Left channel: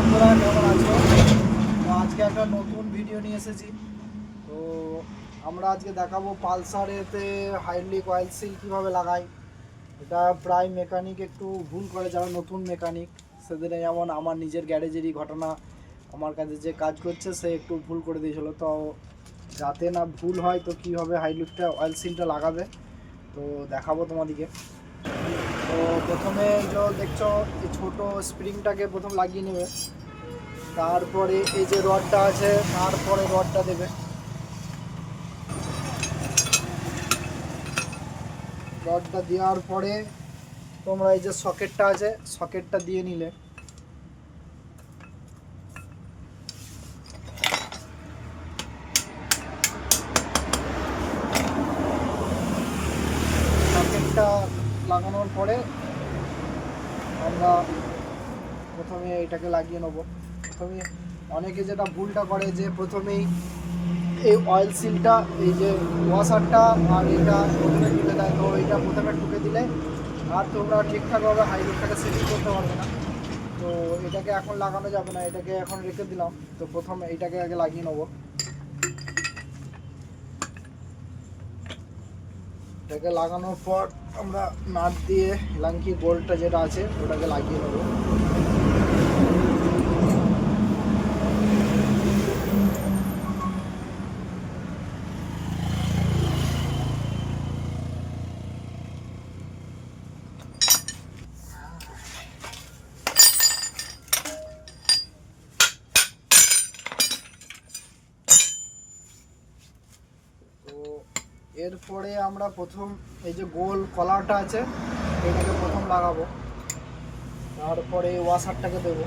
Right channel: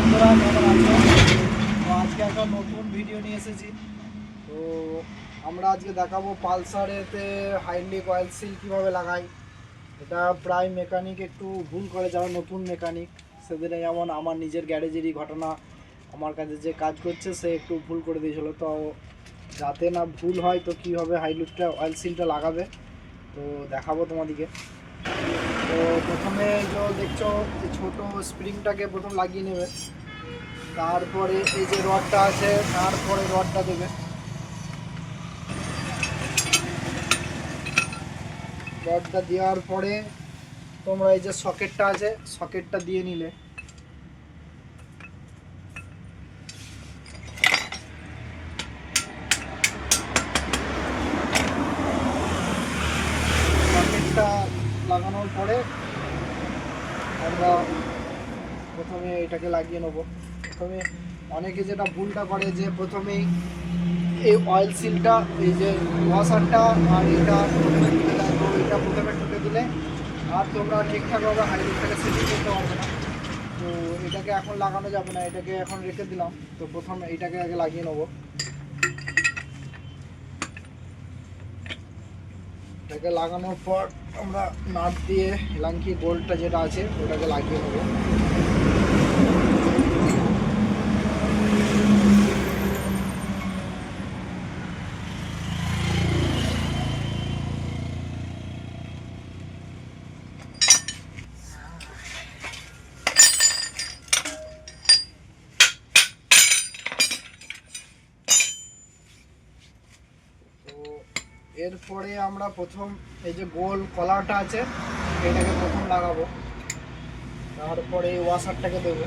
বন্ধুরা, কেমন আছো? তো আজকে একটা নতুন ভিডিও নিয়ে এসেছি। তো আমরা আজকে দেখাবো পালসারেতে হাইড্রিক অয়েল সিল কীভাবে লাগাই। এটা প্রায় মেকানিক একটু ভুল করে, যারা নতুন মেকানিক সেদিনে যেমন আমার নিজের গ্যারেজেরই ঘটনা, আমার কাছে যে কাজ করছে, সে একটু ভুল করে দিয়েছিল। তো যাতে না ভুল হয়, তো কীভাবে হাইড্রিকটা অয়েল সিলটা লাগাবে, তো দেখাবো তোমাদেরকে। তো প্রথমে যে দেখছ যে ছোটো স্প্রিংটাকে প্রথম লাগিয়ে নেবে। তারপরে এই যে রডটা আছে, তারপরে রডটা দেবে। রডটা দেওয়ার পরে তোমরা এই যে সকেটটা আছে সকেটটা দিয়ে নিলে সকেটটা লাগানোর পরে আমরা প্রথমে এটাকে লাগিয়ে নেব। প্রথমে অনেকে যেটা ভুলটা করে যে প্রথমেই এই অয়েল সিলটা এই যে ওয়াশারটা আর এটা প্রথমে ঢুকে দেয়। তো এটা প্রথমে ঢুকে দিলে আর তোমরা ঠিকঠাকভাবে হাইড্রোলটাকে সেটিং করতে পারবে না। তো এটাকে এখন লাগানো যাবে না, এটাকে এখন রেখে দিলাম। তো প্রথম এইটাকে আগে লাগিয়ে নেব। এটাকে লাগানোর পর আমরা নাট দিয়ে লাঙ্কি গোলটা যেটা আছে ওটাকে লাগিয়ে নেব তো এরপরে আমরা প্রথম এই যে গোল কলাটা আছে, এটাকে প্রথম লাগাবো। তারপরে ওয়াশারটাকে দেবো।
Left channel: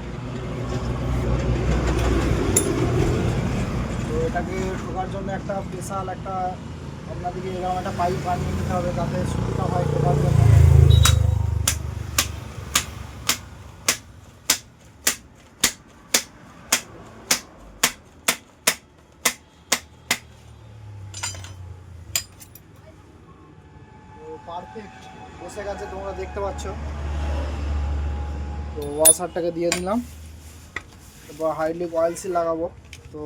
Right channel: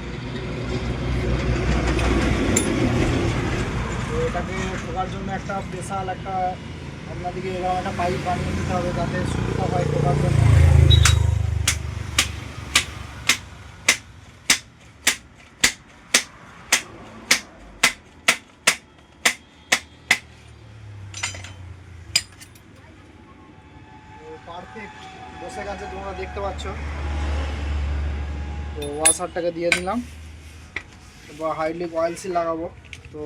তো এটাকে ঢোকার জন্য একটা স্পেশাল একটা, আপনাদেরকে এরকম একটা পাইপ বানিয়ে নিতে হবে যাতে সুবিধা হয় ঢোকার জন্য তো পারফেক্ট বসে গেছে, তোমরা দেখতে পাচ্ছ। তো ওয়াশারটাকে দিয়ে দিলাম। এবার হাইড্রিক অয়েল সিল লাগাবো। তো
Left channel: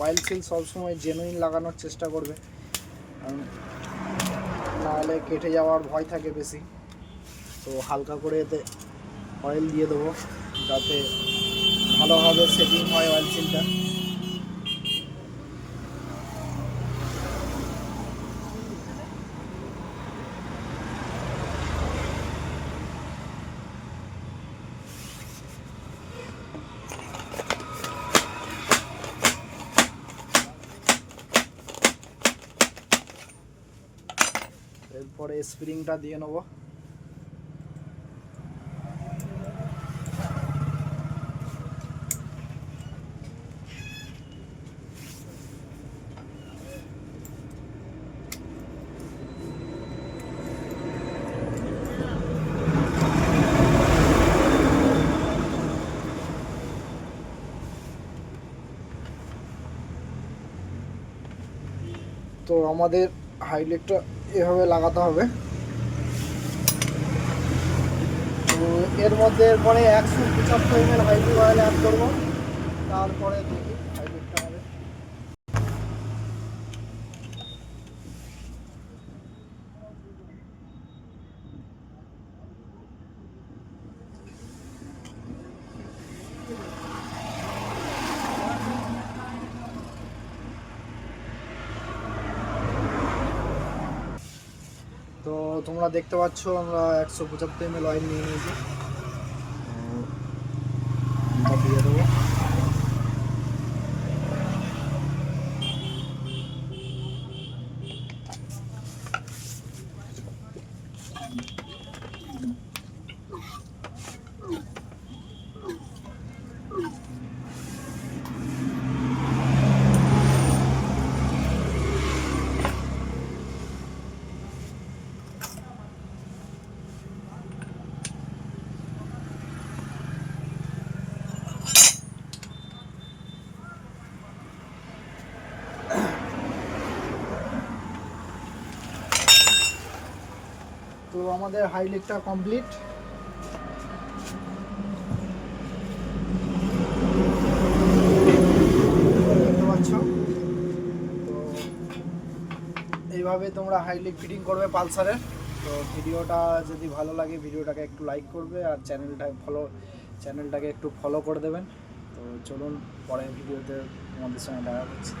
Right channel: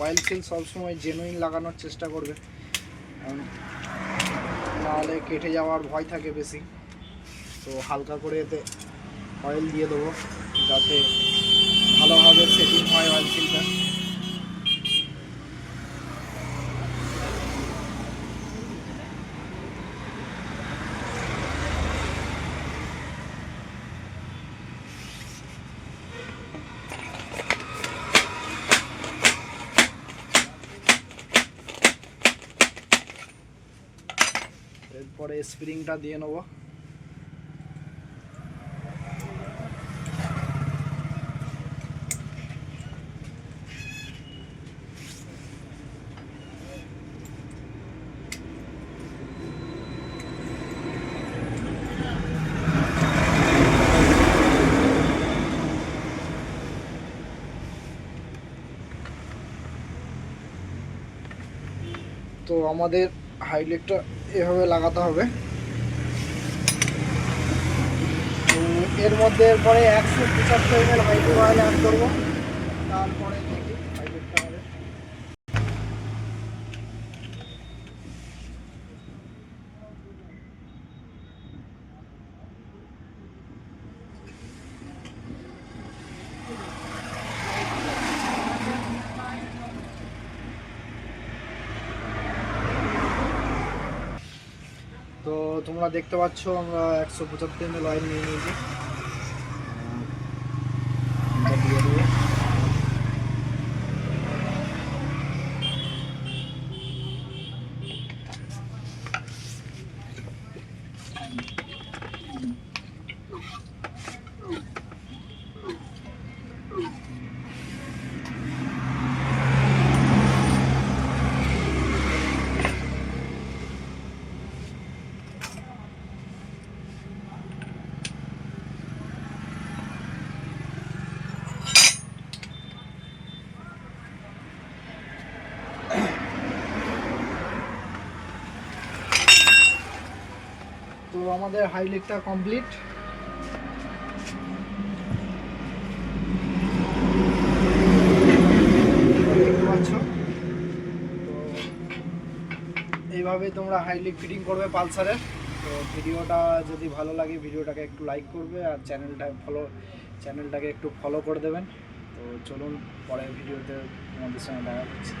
অয়েল সিল সবসময় জেনুইন লাগানোর চেষ্টা করবে। নাহলে কেটে যাওয়ার ভয় থাকে বেশি। তো হালকা করে এতে অয়েল দিয়ে দেবো, যাতে ভালোভাবে সেটিং হয় অয়েল সিলটা। এরপরে স্প্রিংটা দিয়ে নেব। তো আমাদের হাইলাইটটা এভাবে লাগাতে হবে। এর মধ্যে এরপরে একশো পঁচাত্তর M L highlight oil add করব। তারপরে দেখি হাইলাইটটা হবে তো তোমরা দেখতে পাচ্ছ আমরা একশো পঁচাত্তর এম এল অয়েল নিয়ে নিয়েছি। তো আমাদের হাইলিকটা কমপ্লিট দেখতে পাচ্ছ? তো এইভাবে তোমরা হাইলিক ফিটিং করবে পালসারের। তো ভিডিওটা যদি ভালো লাগে, ভিডিওটাকে একটু লাইক করবে আর চ্যানেলটা ফলো চ্যানেলটাকে একটু ফলো করে দেবেন। তো চলুন পরের ভিডিওতে তোমাদের সঙ্গে দেখা হচ্ছে।